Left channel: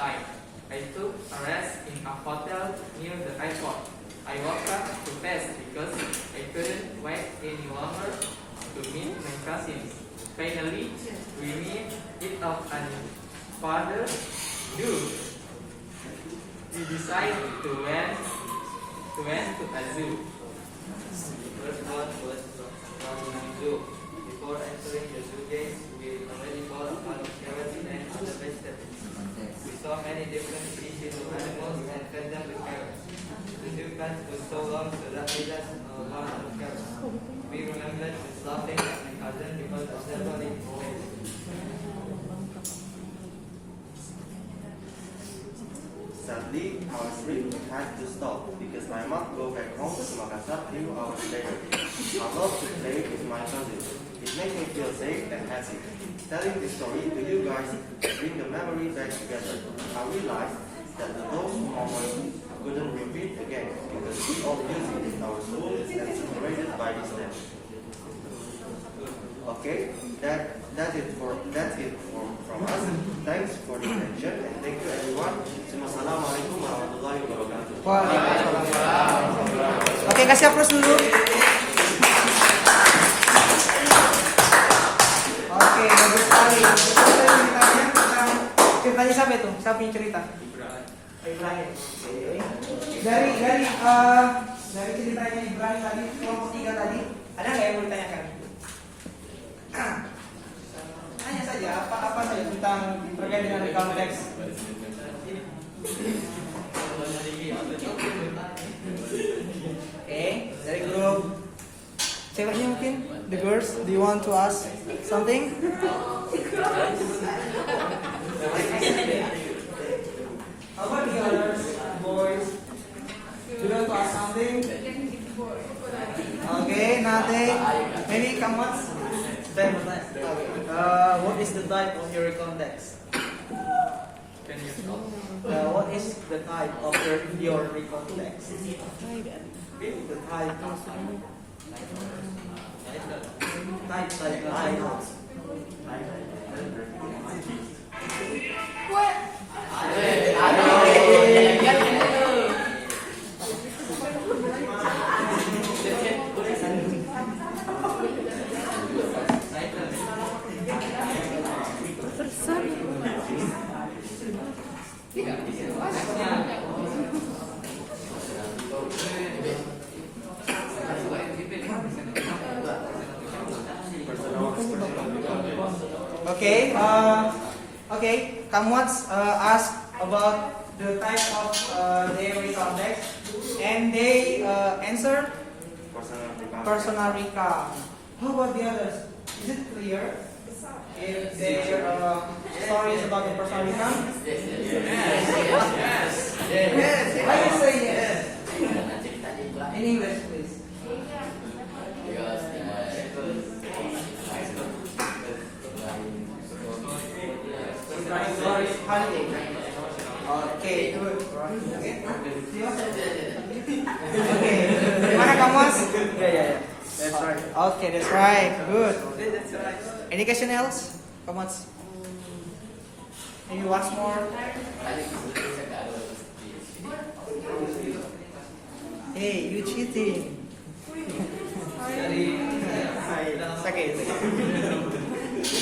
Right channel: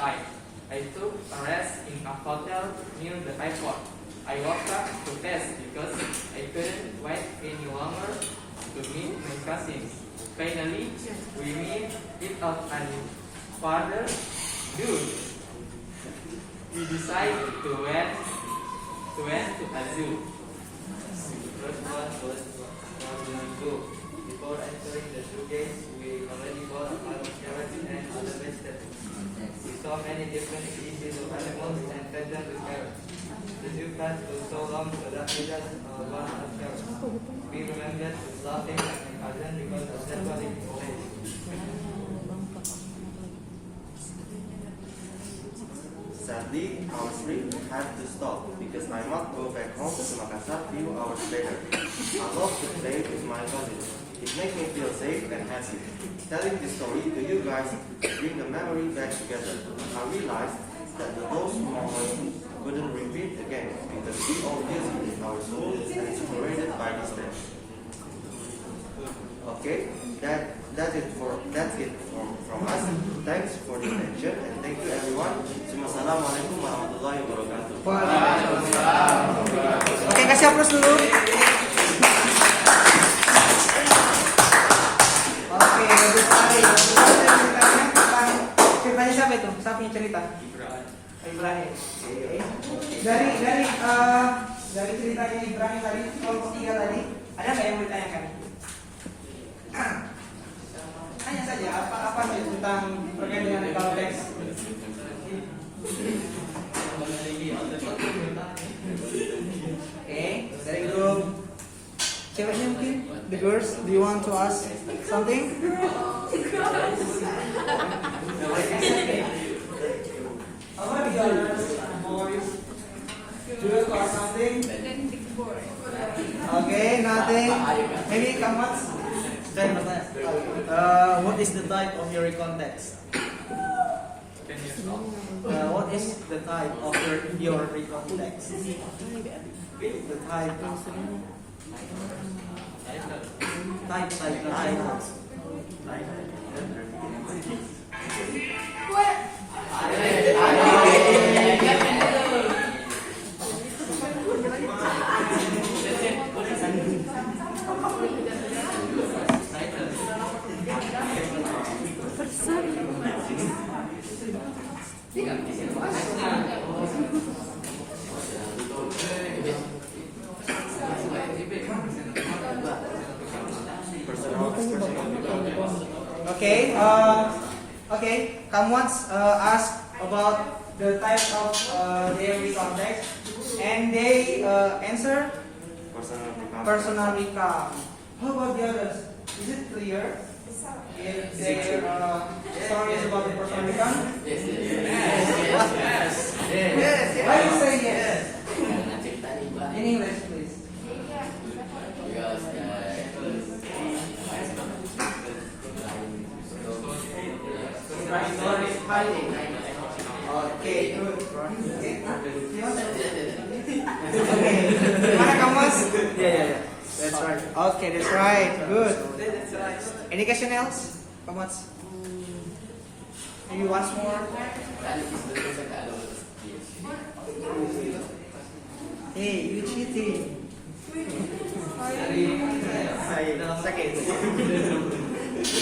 time. I took a rest in a hotel near the airport. I woke up too fast because I couldn't wait any longer to meet my cousins. Finally, we meet up and further do. We decided to went to a zoo. First one was long ago. Before entering the zoo gates, we already bought our carrots and other vegetables. We saw many different species of animals and fed them with carrots. The zoo pass was so long so that we just one out of carrots. We remembered laughing at my cousin because of that funny face. Sadly, our trip had to stop because I must go back home to Makassar few hours later. I love to play with my cousins. It makes me feel safe and happy. Telling this story to you guys bring the memory back together. I realized that those moments couldn't repeat again because we all busy in our school and separated by distance. Okay, that's it from us. Thanks for the attention and thank you everyone. Wassalamualaikum warahmatullahi wabarakatuh. Waalaikumsalam. Oke, kasih aplaus dulu. Oke, ceritanya siapa itu? Siapa yang cerita? Ibrahim. Dari ceritanya Ibrahim tadi, kelompok 3 tadi, ada nggak yang mau ditanyakan? Hanya saja apa saja tentang berkaitan dengan legal text. Okay, dari grup ceweknya mungkin, the girls, do you want to ask something? Apa the girls, boys? Do you want to ask something? Okay, nothing. Maybe come once. What is the type of your context? Can you stop? What is the type of your context? The type like titles. Okay, come once ask about the type of their context, and they answer personal recount. How about the others? Is it clear? If their stories about the personal recount? Yes. Why do you say yes? In English, please. Okay, good. Okay. Mana kamu? Yeah. That's right. Okay, that's right. Good. That's right. Any question else? Come on. Maybe once more. Hey, you cheating.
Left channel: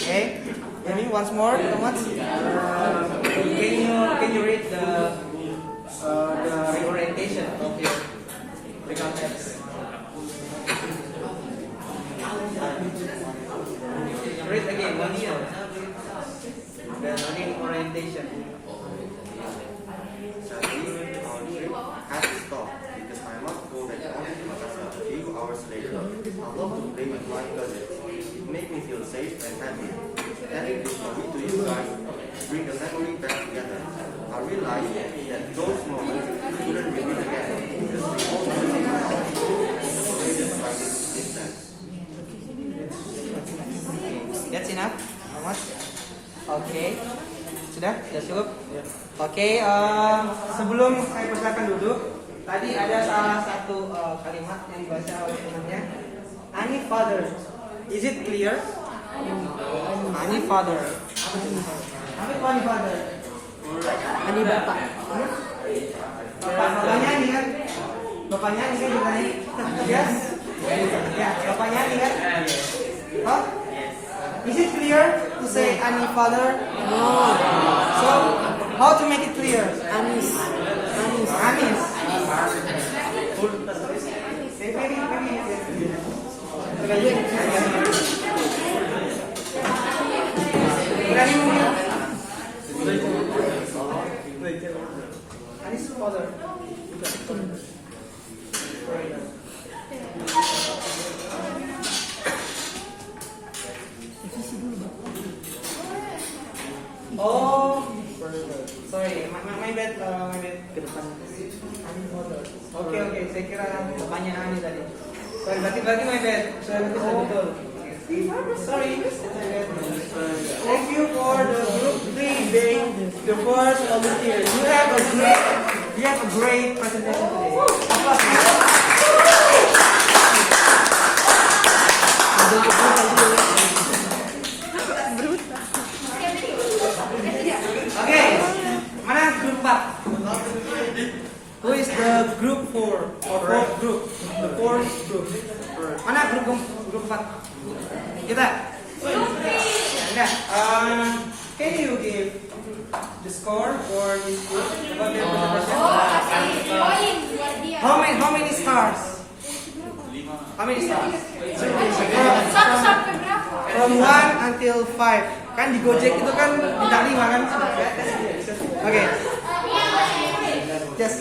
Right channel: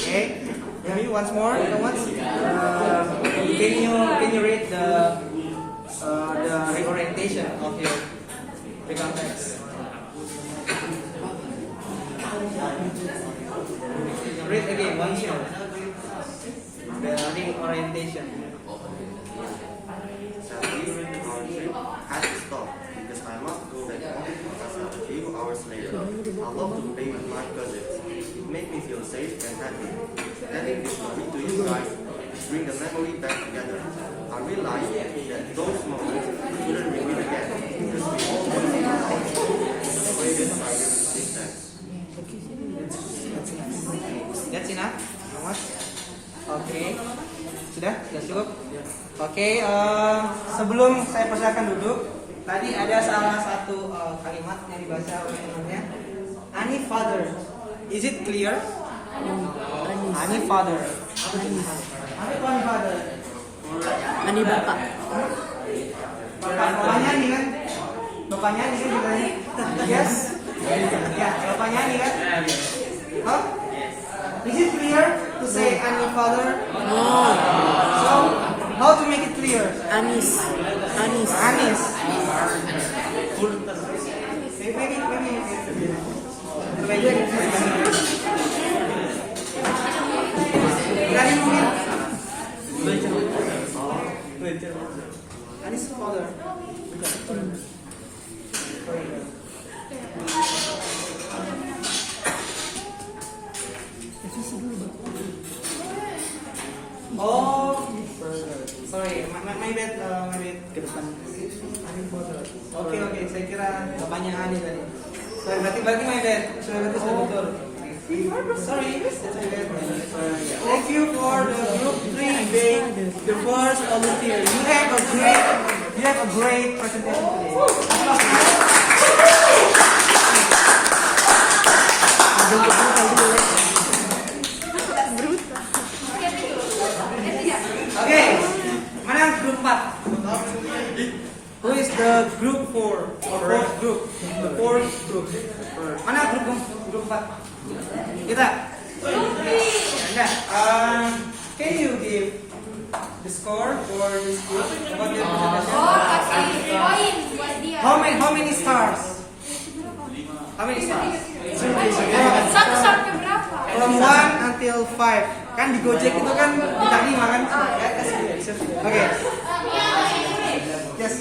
Okay. Maybe once more. Come on. Can you read the reorientation of your context? Read again once more. The reorientation. Sadly, our trip had to stop because I must go back home to Makassar a few hours later. I love to play with my cousins. It made me feel safe and happy. Telling this story to you guys bring the memory back together. I realized that those moments couldn't repeat again because we all busy in our school and separated by distance. That's enough. How much? Okay. Sudah cukup. Oke. Sebelum saya persilakan duduk, tadi ada salah satu kalimat yang dibaca oleh temannya. Any father, is it clear? Any father. Any father. Ani bapak. Bapak bapaknya nih kan? Bapaknya nih kan gimana? Yes. Ya, bapaknya nih kan? Oh? Is it clear to say Ani father? No. So, how to make it clear? Anis. Anis. Anis. Maybe. Berani mungkin? Anis father. Oh, sorry, my bad, Ke depan. Oke, saya kira bapaknya Ani tadi. Sorry, berarti my bad. Sudah betul. Sorry, thank you for the group 3 being your first volunteer. You have a great presentation today. Applause. Oke, mana grup 4? Who is the group 4 or fourth group? The fourth group. Mana grup 4? Kita. Enggak. Can you give the score for this group about their presentation? Oh, kasih poin buat dia. How many stars? How many stars? Satu sampai berapa? From 1 until 5. Kan di Gojek itu kan bintang 5 kan? Oke. Yes.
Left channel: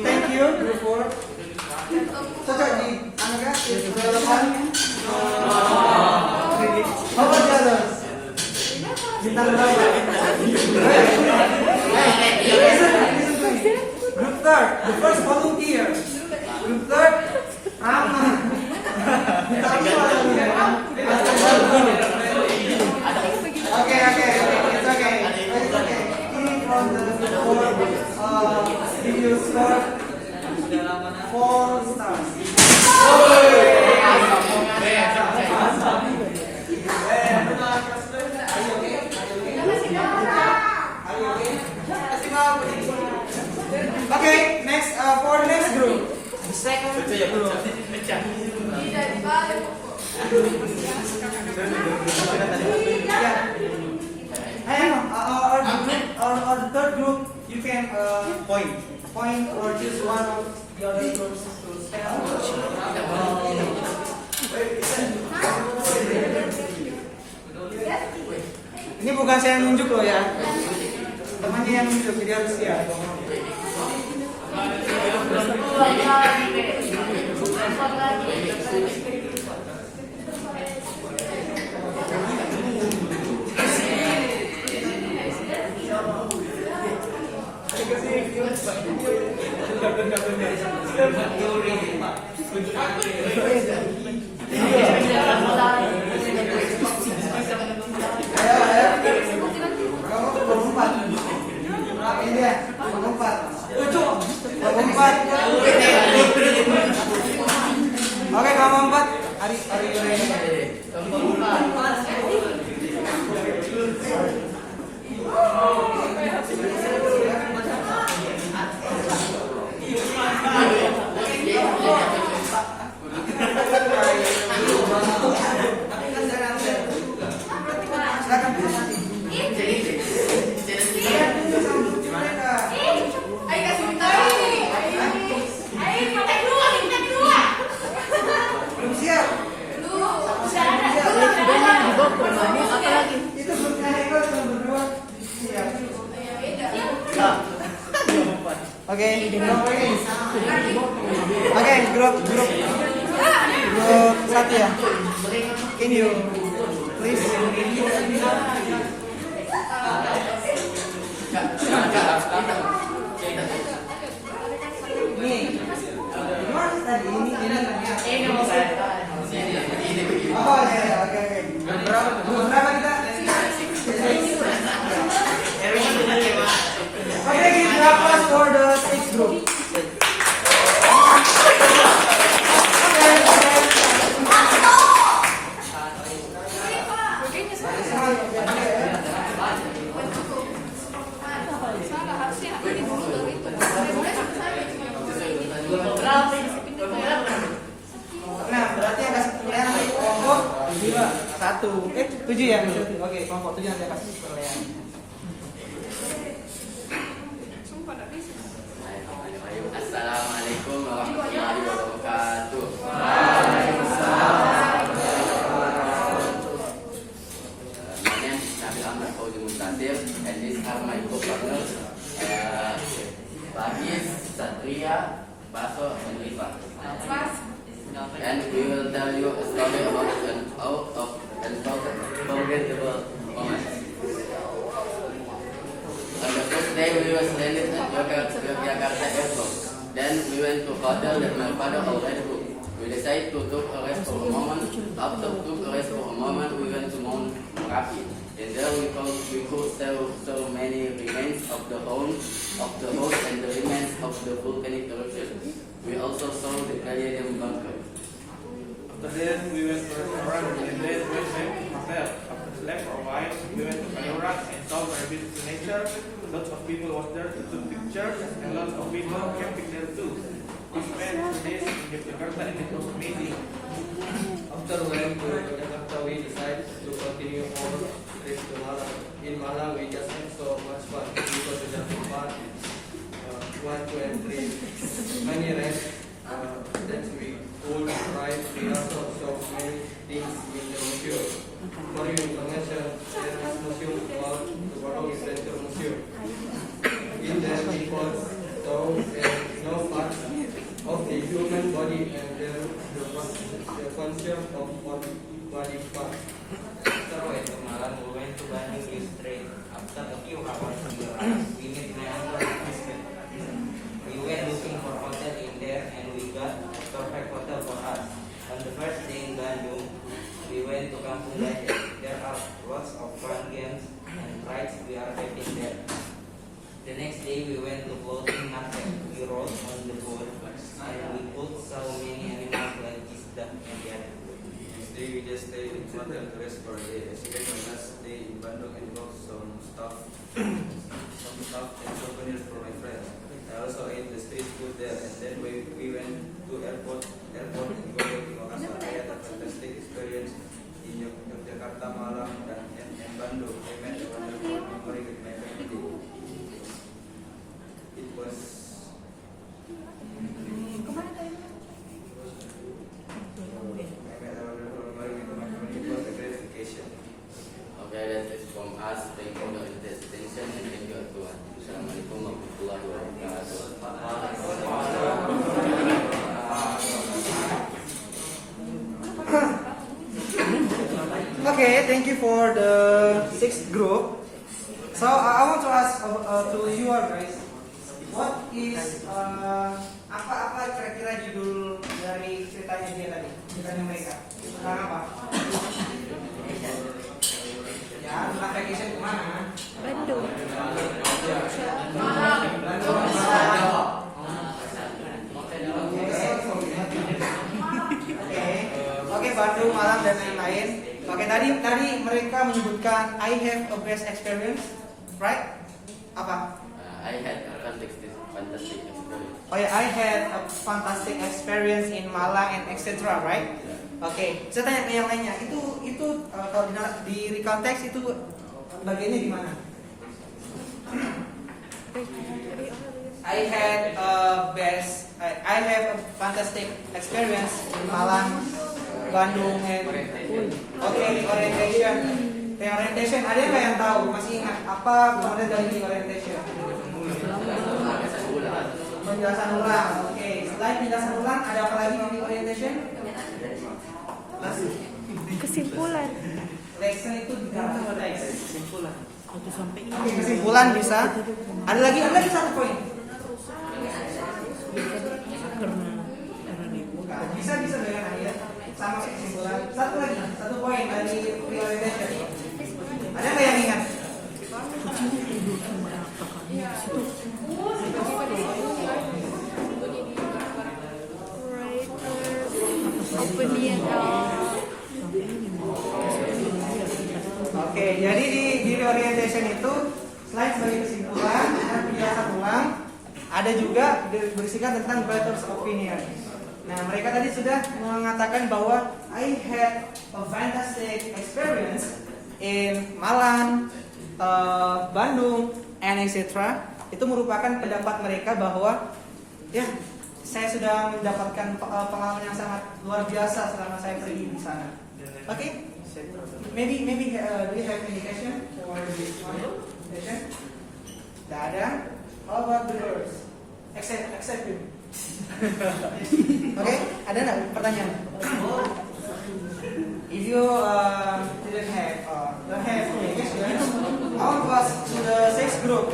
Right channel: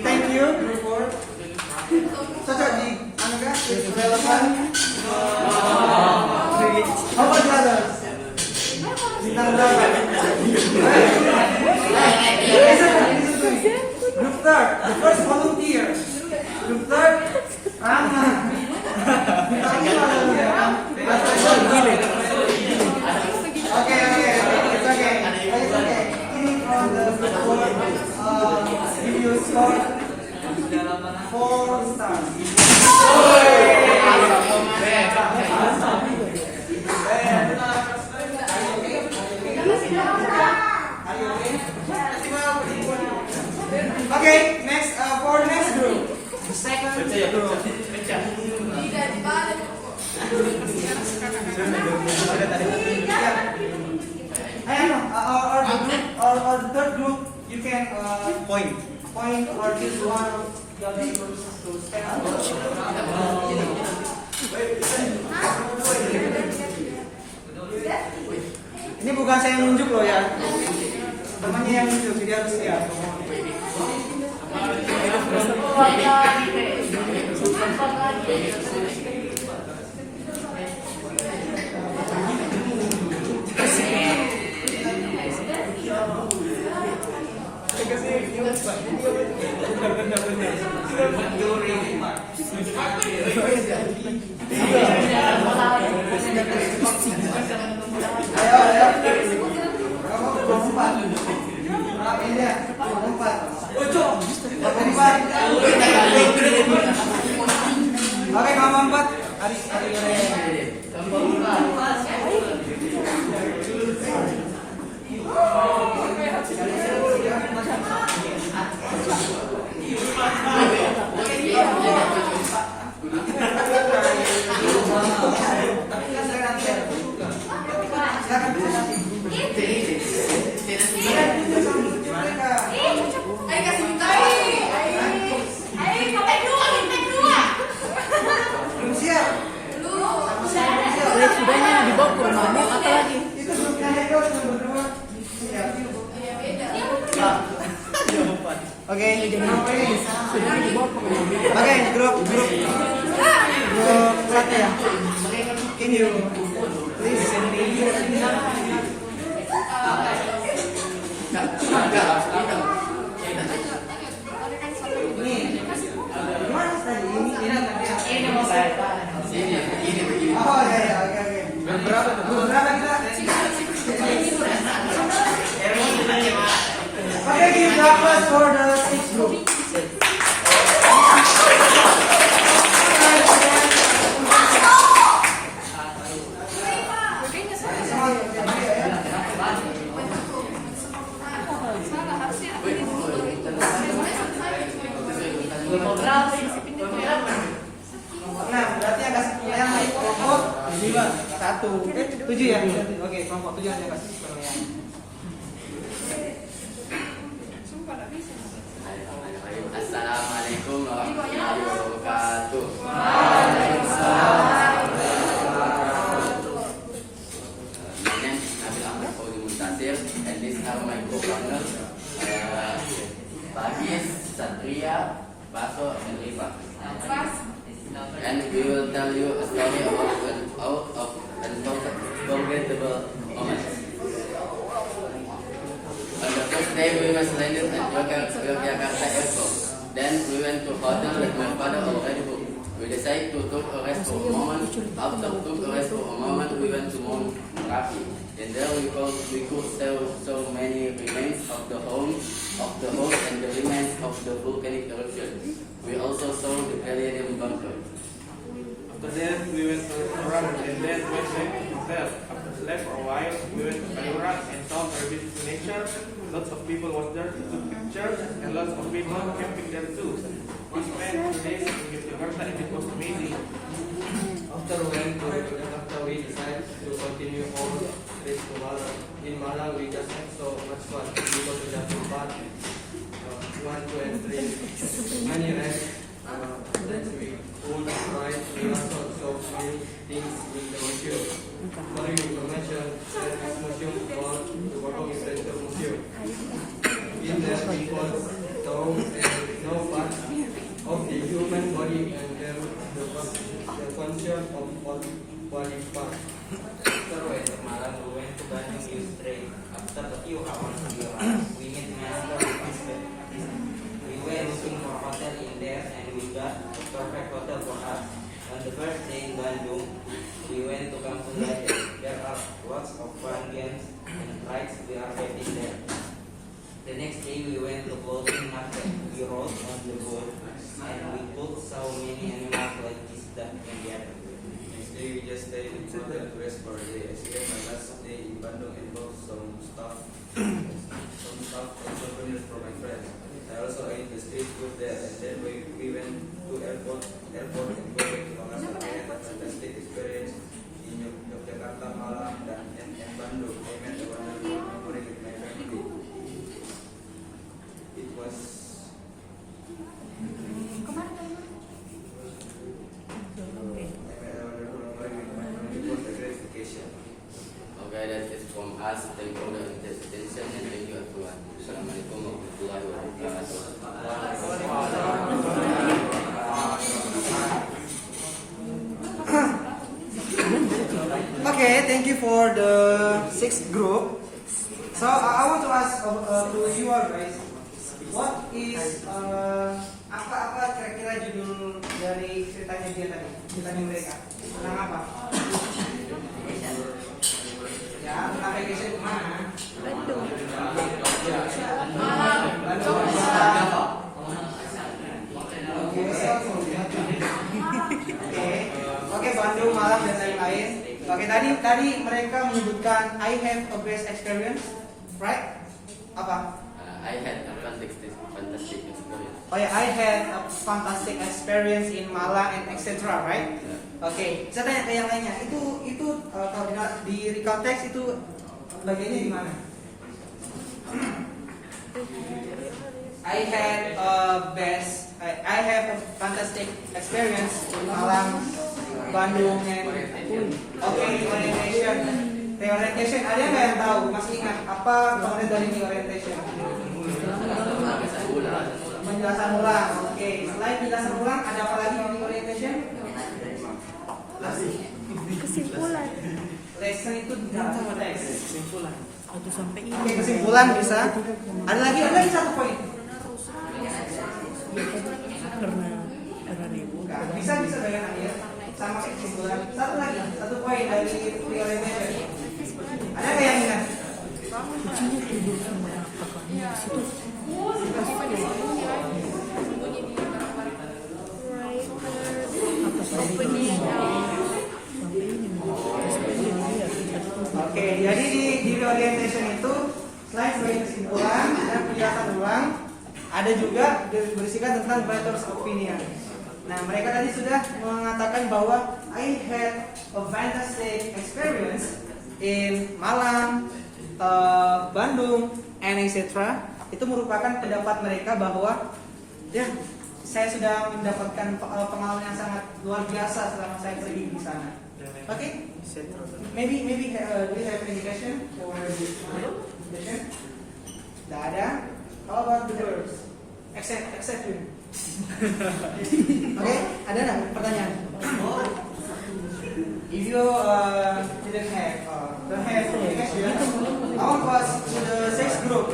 Thank you, group 4. Cocok di anugerah development. How about the others? Bintang berapa? Group 3, the first volunteer. Group 3, Aman. Okay, it's okay. Coming from the group 4, give you score 4 stars. Okay, next for next group. The second group. Or the third group, you can point or choose one of the other groups to stand. Ini bukan saya yang nunjuk loh ya, temannya yang nunjuk, jadi harus siap. Oke, kalau 4 hari belum siap. Sudahnya dibawa ke rumahnya apa lagi? Itu grupnya mereka sudah berdua. Siap. Oke, Oke, grup 1 ya. Can you Please. Ini gimana tadi? Ini mau saya. Oh ya, oke. Berapa kita? Okay, give the applause for the sixth group. Kayaknya salah. Salah, harusnya ini dulu baru itu. Prinsipnya itu ya. Nah, berarti yang kasih yang kelompok 7 ya. Oke, kelompok 7 yang kasih penilaian. Sumpah tak bisa. Assalamualaikum warahmatullahi wabarakatuh. My name is Nabil Ahmad Fauzi Muntasir, and these are my co-partners, Bagis, Satria, Baso, and Rifa. And we will tell you a story about an out of unforgettable moment. On the first day, we were landed at Yogyakarta Airport. Then we went to hotel that my father already booked. We decided to take a rest for a moment. After took a rest for a moment, we went to Mount Merapi. And there we could see so many remains of the host and the remains of the volcanic eruption. We also saw the Gallium bunker. After that, we went to a restaurant and then went back to hotel. After slept for a while, we went to Kaliurang and saw very beautiful nature. Lots of people was there to take pictures, and lots of people camping there too. We spent 2 days in Yogyakarta and it was amazing. After we went to Yogyakarta, we decided to continue our trip to Malang. In Malang, we just had so much fun. We go to Japan Park, 1, 2, and 3. Many rest. Then we could ride. We also saw many things in the museum. For your information, there is museum called the World Adventure Museum. In there, people saw and know parts of the human body and the function of body part. After we went to Malang, we went to Bandung this spring. After a few hours in the ride, we met my uncle and his family. We went looking for a hotel in there and we got a perfect hotel for us. On the first day in Bandung, we went to Kampung Gajah. There are lots of fun games and rides. We are waiting there. The next day we went to floating market. We rode on the boat and we could saw many animals like this, duck, and the other. Next day, we just stayed in hotel to rest for a day. As my last day in Bandung involved some stuff and souvenirs for my friends. I also ate the street food there, and then we went to airport and go back to Makassar. I had a fantastic experience in Yogyakarta, Malang, and Bandung. I met a wonderful memory with my family. It was Kemana tadi? a great vacation. Okay, that is from us. Thank you for the attention and thank you everyone. Assalamualaikum warahmatullahi wabarakatuh. Okay, thank you for the sixth group. So I want to ask to you all guys, what is apa kira-kira judul dari ceritanya dia tadi, ceritanya mereka tentang apa? Ya, tentang vacation kemana? Oke, Bandung, Malang dan lain-lain. Oke, tadi mereka menyebutkan I have a best experience, right? Apa? I had a fantastic experience. Oh ya, I had a fantastic experience in Malang and etc. Right? Oke, saya tanya ke yang lainnya. Itu kalau di recount text itu bagiannya di mana? I have a fantastic experience in Malang, Bandung, and orientation. Orientation, ada nggak yang tahu? Masih ingat apa kemudian dari orientation? Penjelasan ulang. Oke, selain penjelasan ulang, ada apa lagi di orientation? Kesimpulan. Let's lesson itu di dalam teks. Kesimpulan. Atau sampai ini. Oke, kesimpulan bisa. Ada lagi satu poin. Pernah apa nih? Bukan. Bisa dengan ayat sama kayak kesimpulan. Satu poin dari realization. Ada nggak yang ingat? Kucingnya tidur sama kakaknya di situ. Oke, jadi di orientation itu selain sebagai kesimpulan dan penjelasan ulang, ada juga berisikan tentang letters of opinion. Nah, mereka tadi sudah mengatakan bahwa I had a fantastic experience in Malang, Bandung, and etc. Itu merupakan pendapat mereka bahwa ya, saya sudah mendapatkan pengalaman yang sangat luar biasa selama saya pergi di sana. Oke? Maybe do you have any question for this session? Tidak ada. How about the girls? Except you. Oke, ada nggak pertanyaan? If you don't have any question, I will pass to the sixth group.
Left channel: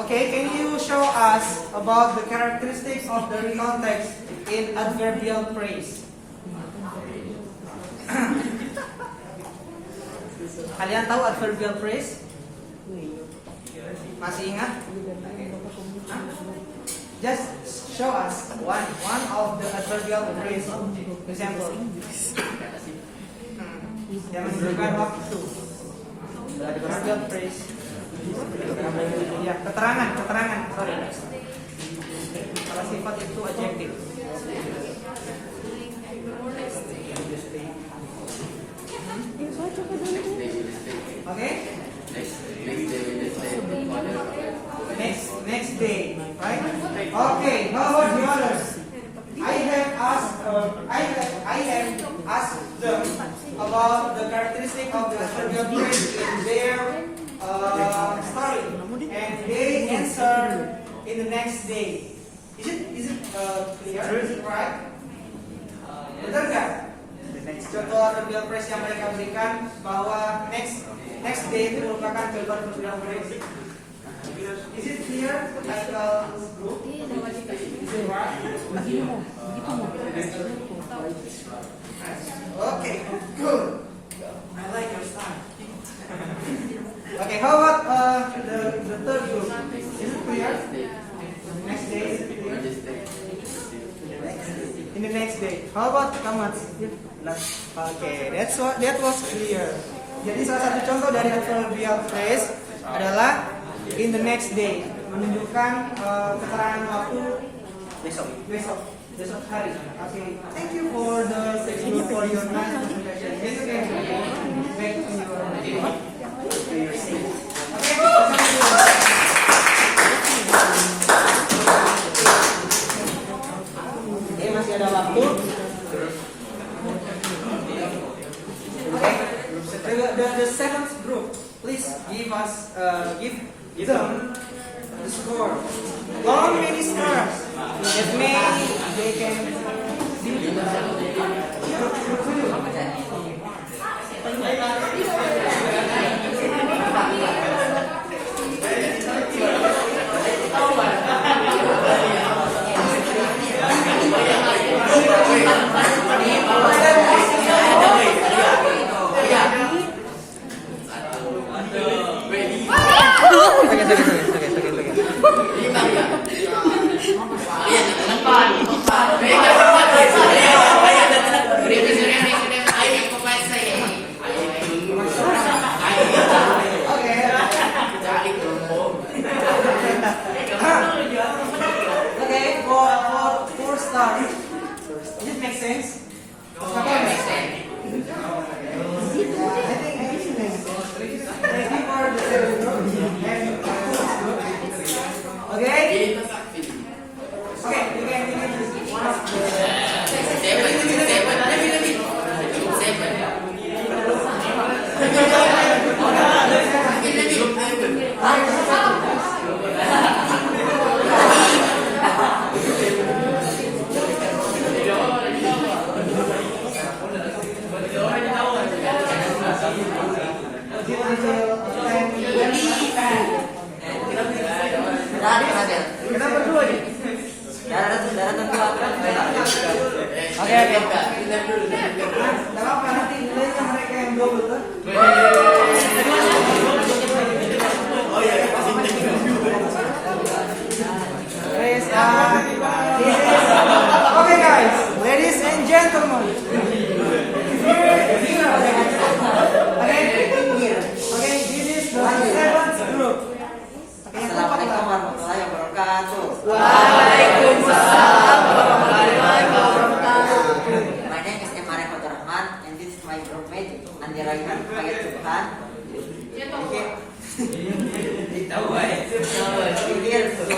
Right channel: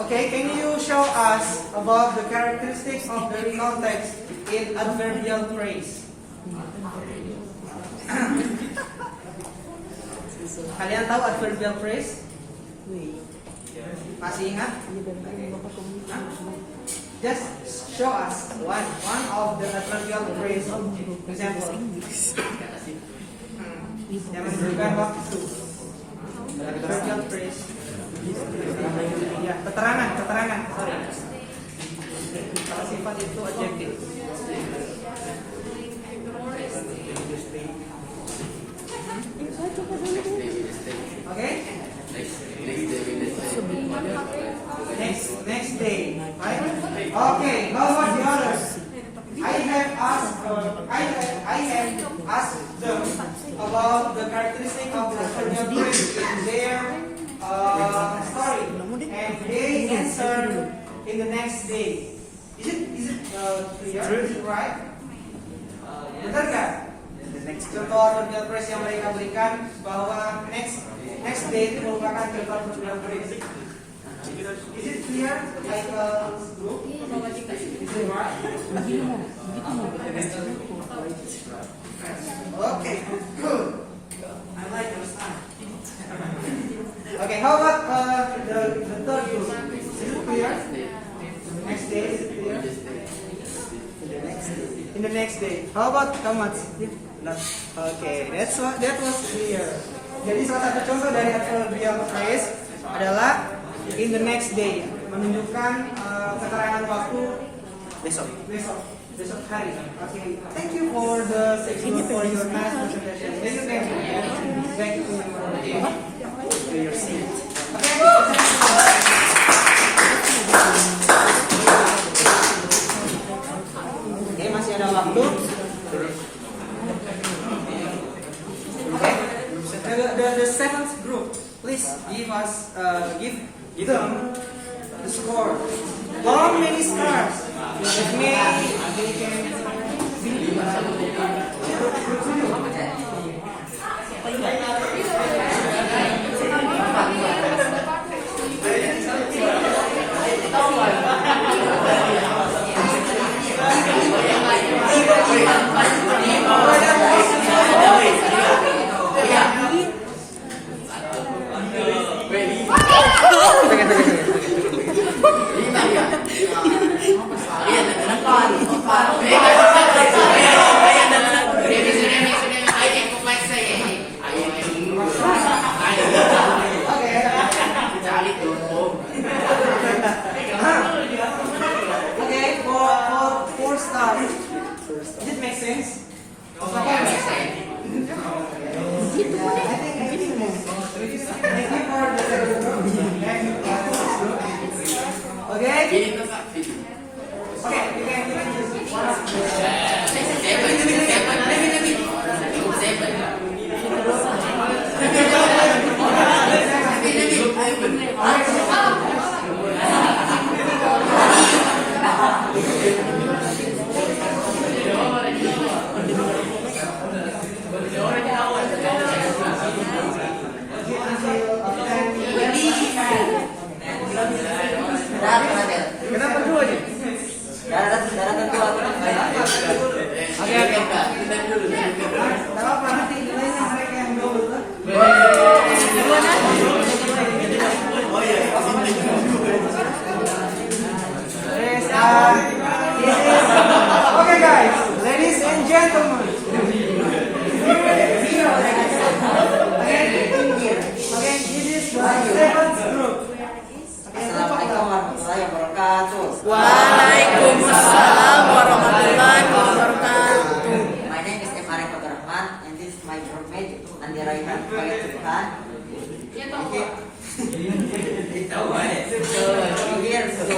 Okay, can you show us about the characteristics of the recount text in adverbial phrase? Kalian tahu adverbial phrase? Masih ingat? Just show us one of the adverbial phrase. Example. Yang menunjukkan waktu. Adverbial phrase. Ya, keterangan. Sorry. Sifat itu adjektif. Okay. Next day, right? Okay. Now what the others? I have asked them about the characteristic of the adverbial phrase in their story, and they answer in the next day. Is it clear? Is it right? Benar nggak? Contoh adverbial phrase yang mereka berikan bahwa next day itu merupakan jawaban adverbial phrase. Is it clear? The title group. Is it right? Okay, good. I like your style. Okay, how about the third group? Is it clear? Next day, is it clear? In the next day. How about Kamat? Okay, that was clear. Jadi salah satu contoh dari adverbial phrase adalah in the next day, menunjukkan keterangan waktu besok hari. Okay, thank you for the section for your class presentation. This is back to your seat. Okay, masih ada waktu. Okay, the seventh group, please give them the score. How many stars? That they can Okay, for 4 stars. Does it make sense? I think everything makes sense. Thank you for the second group. Okay? Okay, you can give one of the This is okay, guys. Ladies and gentlemen. Okay, this is the seventh group. Assalamualaikum warahmatullahi wabarakatuh. Waalaikumsalam warahmatullahi wabarakatuh. My name is Emaran Faturrahman and this is my groupmate Andi Raihan Fayed Subhan. We here to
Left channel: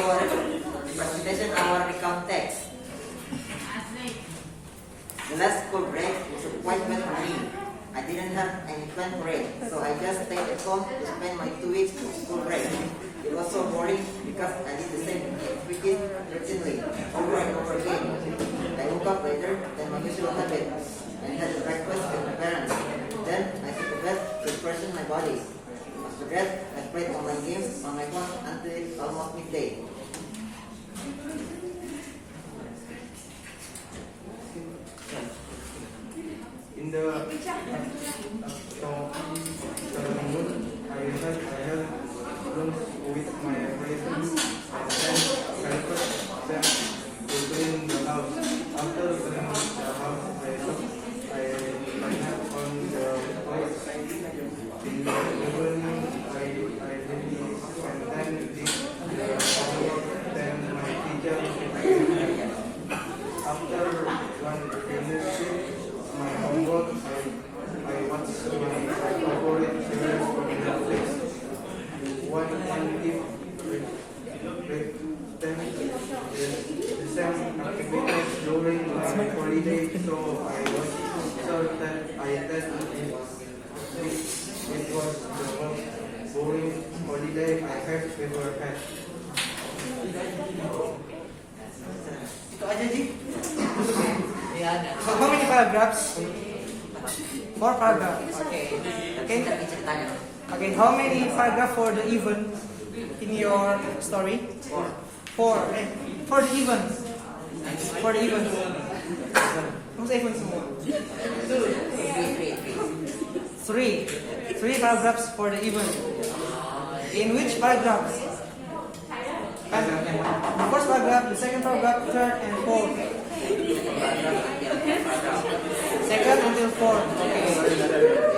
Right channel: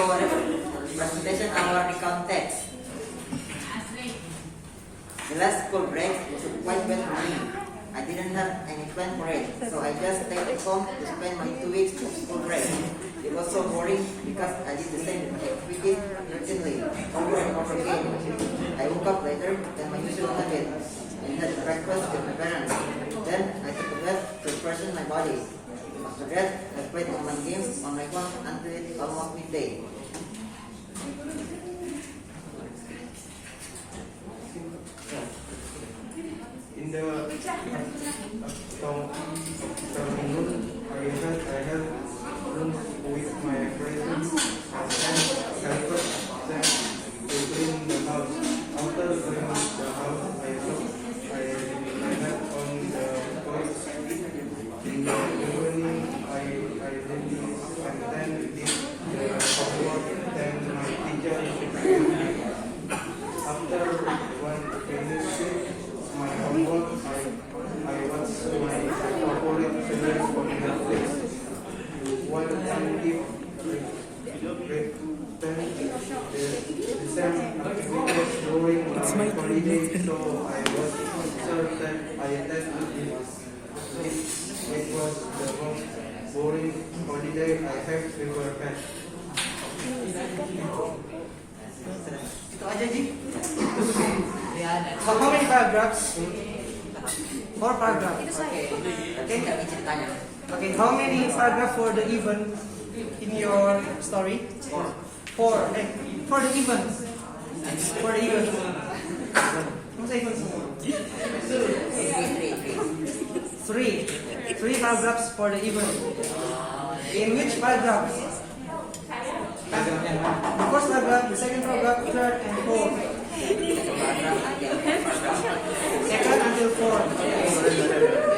presentation our recount text. The last school break was quite wet for me. I didn't have any plan for it, so I just stayed at home to spend my 2 weeks of school break. It was so boring because I did the same activities routinely over and over again. I woke up later than my usual habit and had breakfast with my parents. Then I took a bath to freshen my body. After that, I played online games on my phone until it almost midday. In the afternoon, I had lunch with my friends and then helped them to clean the house. After cleaning the house, I nap on the couch. In the evening, I did and then did the homework. Then my teacher came. After one finished my homework, I watched my favorite series on Netflix. One active the same activities during my holiday, so I was sure that I tested it. It was the most boring holiday I had ever had. Itu aja sih. So how many paragraphs? 4 paragraphs. Okay. Okay. How many paragraphs for the event in your story? 4. For the event. For the event. What's the event? 3 paragraphs for the event. In which paragraph? The first paragraph, the second paragraph, third, and